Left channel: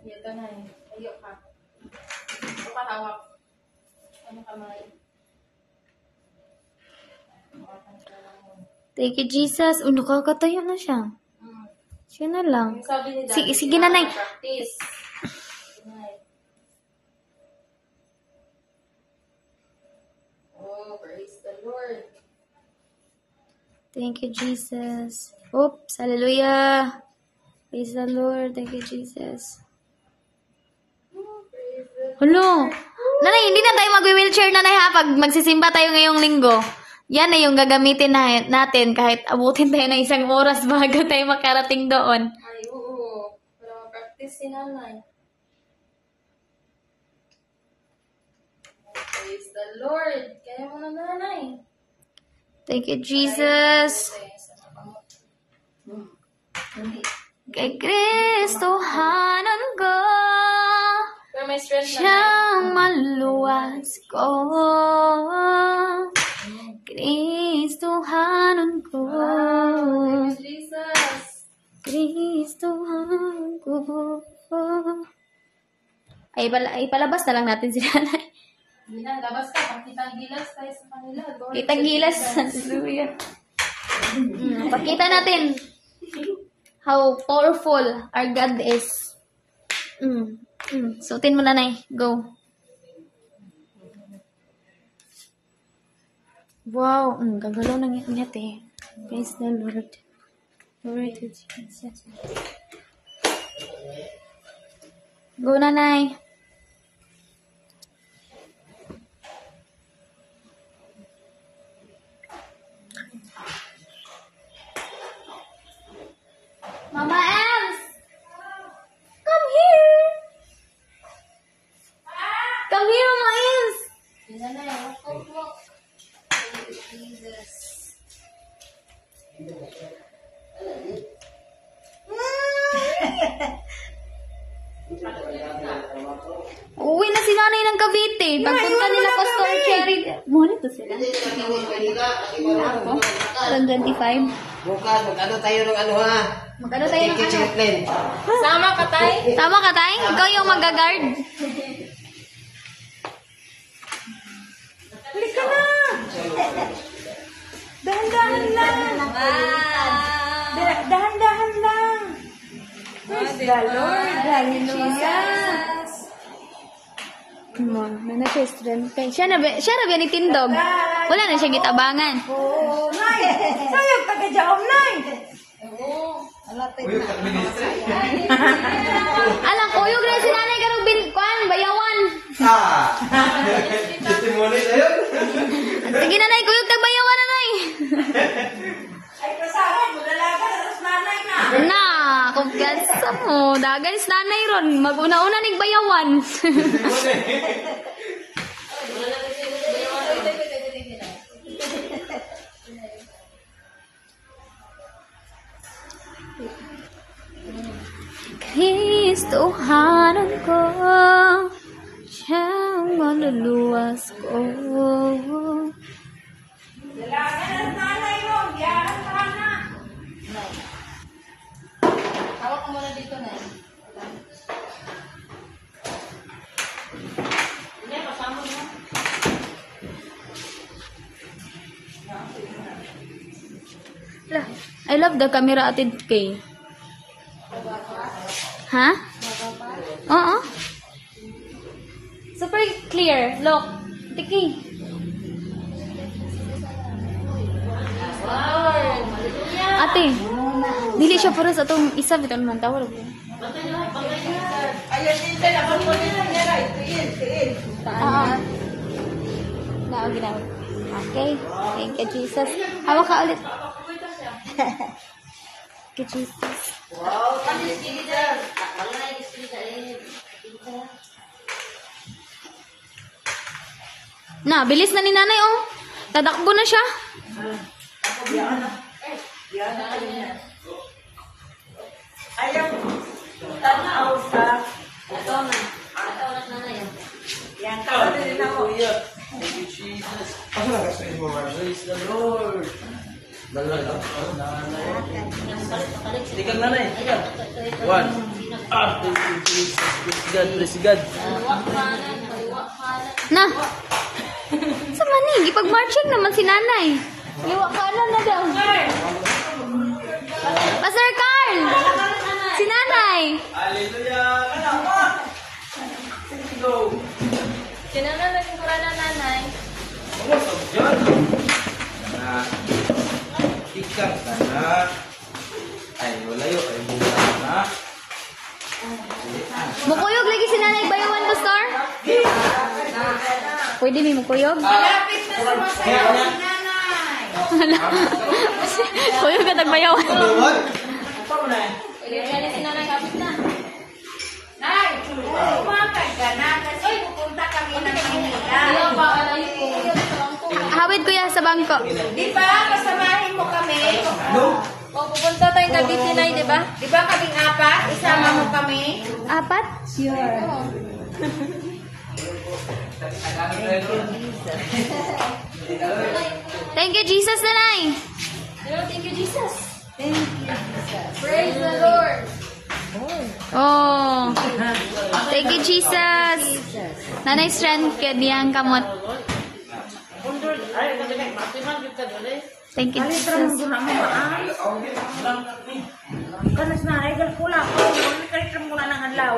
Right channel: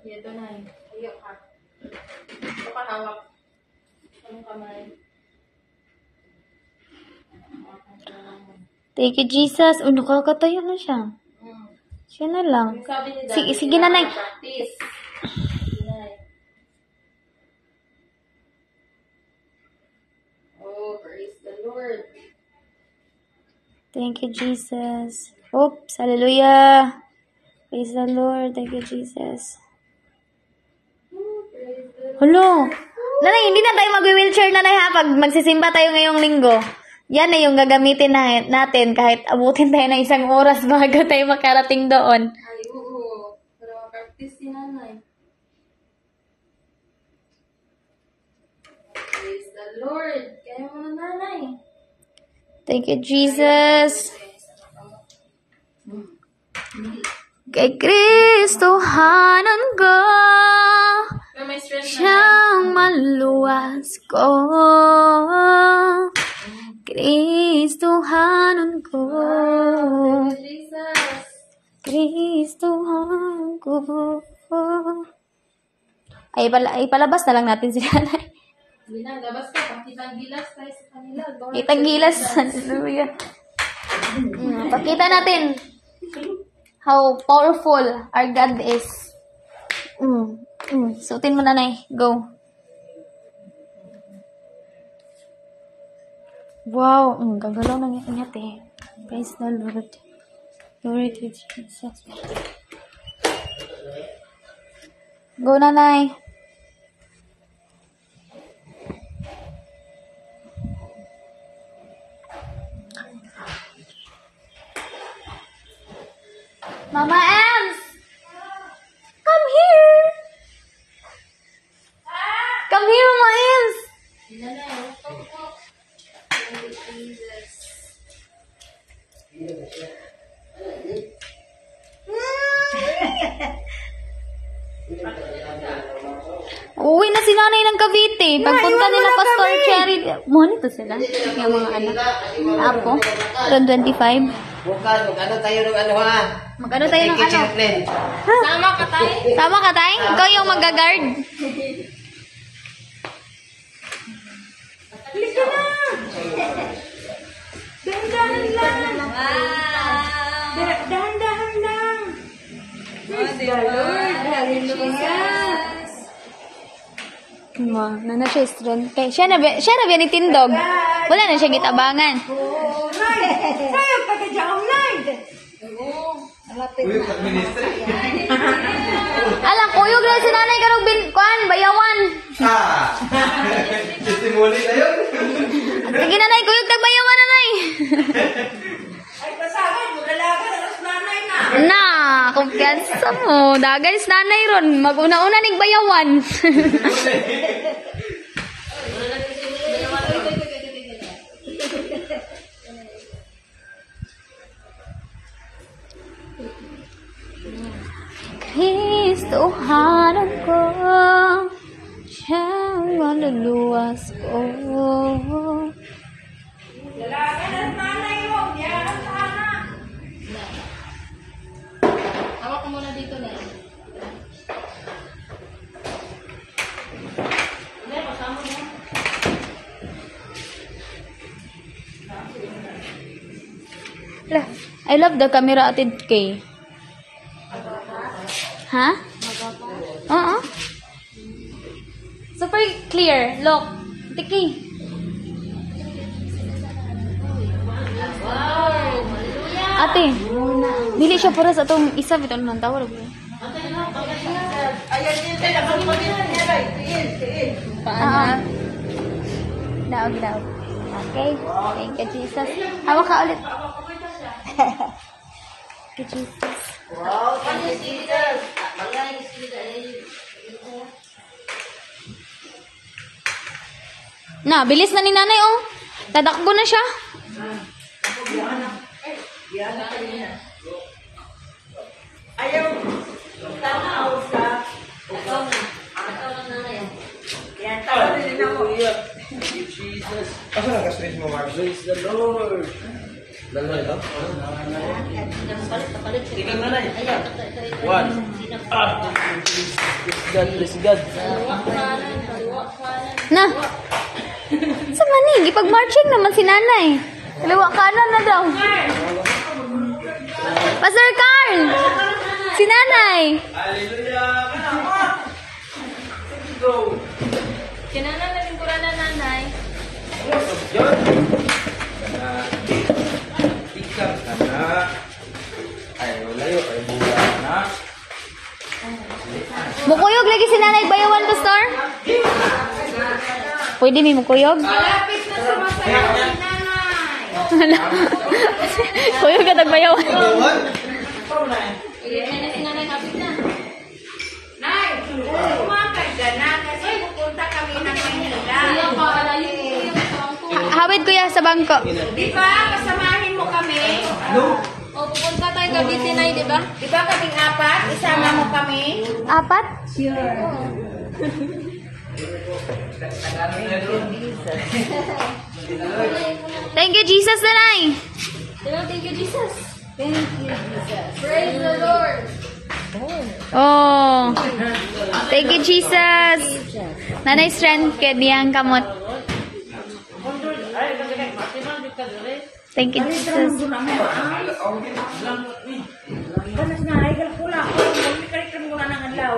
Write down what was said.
Ito na eh. Ayaw ka. Ito ka hawak. Anong kamay? Thank you, Jesus. Oh, nakakatayo na siya. Siya na lang. Sabi ni Sige, Daddy, sige na na. practice. Oh, praise the Lord. Thank you, Jesus. Oops, hallelujah. Praise the Lord. Thank you, Jesus. Hello. Nanay, hindi na tayo mag-wheelchair na ha pag magsisimba tayo ngayong linggo. Yan na yung gagamitin natin kahit abutin tayo ng 1 oras bago tayo makarating doon. Ay, oo. Pero practice si nanay. Praise the Lord. Kaya mo na nanay. Thank you, Jesus. Kay Kristohanan ko, Pero may strength na. siyang maluwas ko. Kristohanan ko, Jesus. Kristohanan ko. Ay, palabas na lang natin si nanay. Hindi na, labas ka. Pakita ang gilas tayo sa kanila. Kitang gilas. Hallelujah. Pakita natin how powerful our God is. Suotin mo, nanay. Go. Wow. Gagalaw na ingat eh. Praise the Lord. Glory to Jesus. Go, nanay. Mama Ems! Come here! Come here, Mama Ems! Hindi na na. Walk, walk. Jesus. Uwi na si nanay ng Cavite. Pagpunta nila Pastor Cherry. Mohon ito sila. Yung mga anak. Apo. Around 25. Bukan, mag-ano tayo ng ano ha? Mag-ano tayo ng Kitchen ano? plan. Sama ka tayo. Tama ka, Tay? Ikaw yung mag-guard. Dahan-dahan lang. Dahan-dahan lang. Praise the Lord. Hallelujah. Mo, na siya strength. Siya na ba ni Tindog? Wala na siya gitabangan. Sayang taga-jam lang. Alang, kuyog na si nanay karong bayawan. Testimony tayo? Sige, nanay, kuyog tag bayawan, nanay. Ay, pasagan. Magalaga. Tapos nanay na. Na, kumpiyansa mo. Dagay si nanay ron. Mag-una-una ning bayawan. Kristohanan ko, siyang maluluwas ko. Lalaki ng nanay mo. Biyakan ka na. Hawak ko muna dito na. Hindi, pasama mo. I love the camera, Atid K. Ha? Oo. Super clear. Look. Tiki. Ate, dili siya para sa itong isa. Bito naman tawar. Daog. Okay. Thank you, Jesus. Hawak ka ulit. Thank you, Jesus. Wow, thank you, Jesus. Na, bilis na ni nanay, oh. Tadakbo na siya. Ayaw. Tanaw sa. Yan, tawag din ako. Thank you, Jesus. Asa na kasi mo, Mark? Praise the Lord. Dalawa ito? Tigil na na eh. One. Thank you, Jesus. God, praise God. Na. Sa mani, gipag-marching naman si nanay. Kaliwa kanan na daw. Pastor Carl! Si nanay! Kinana na yung kura na nanay. Ikan ka na. Ay, walayo. Ay, buya na. Mukuyog lagi si nanay bayawan, Pastor? Pwede may mukuyog? Malapit na sumasayaw si nanay. Kuyog ka tagbayawan. Nay, kumakad ka na kasi pupunta kami ng Manila. Hawid kuya sa bangko. Di ba? Kasamahin mo kami. O pupunta tayo ng Disney, di ba? Di ba kaming apat? Isama mo kami. Apat? Thank you, Jesus, nanay. Thank you, Jesus. Praise the Lord. Oh. Thank you, Jesus. Nanay strength kaya diyang kamot. Thank you, Jesus. Kanas na, ay kala ko. Kaya kaya muna ng adlaw,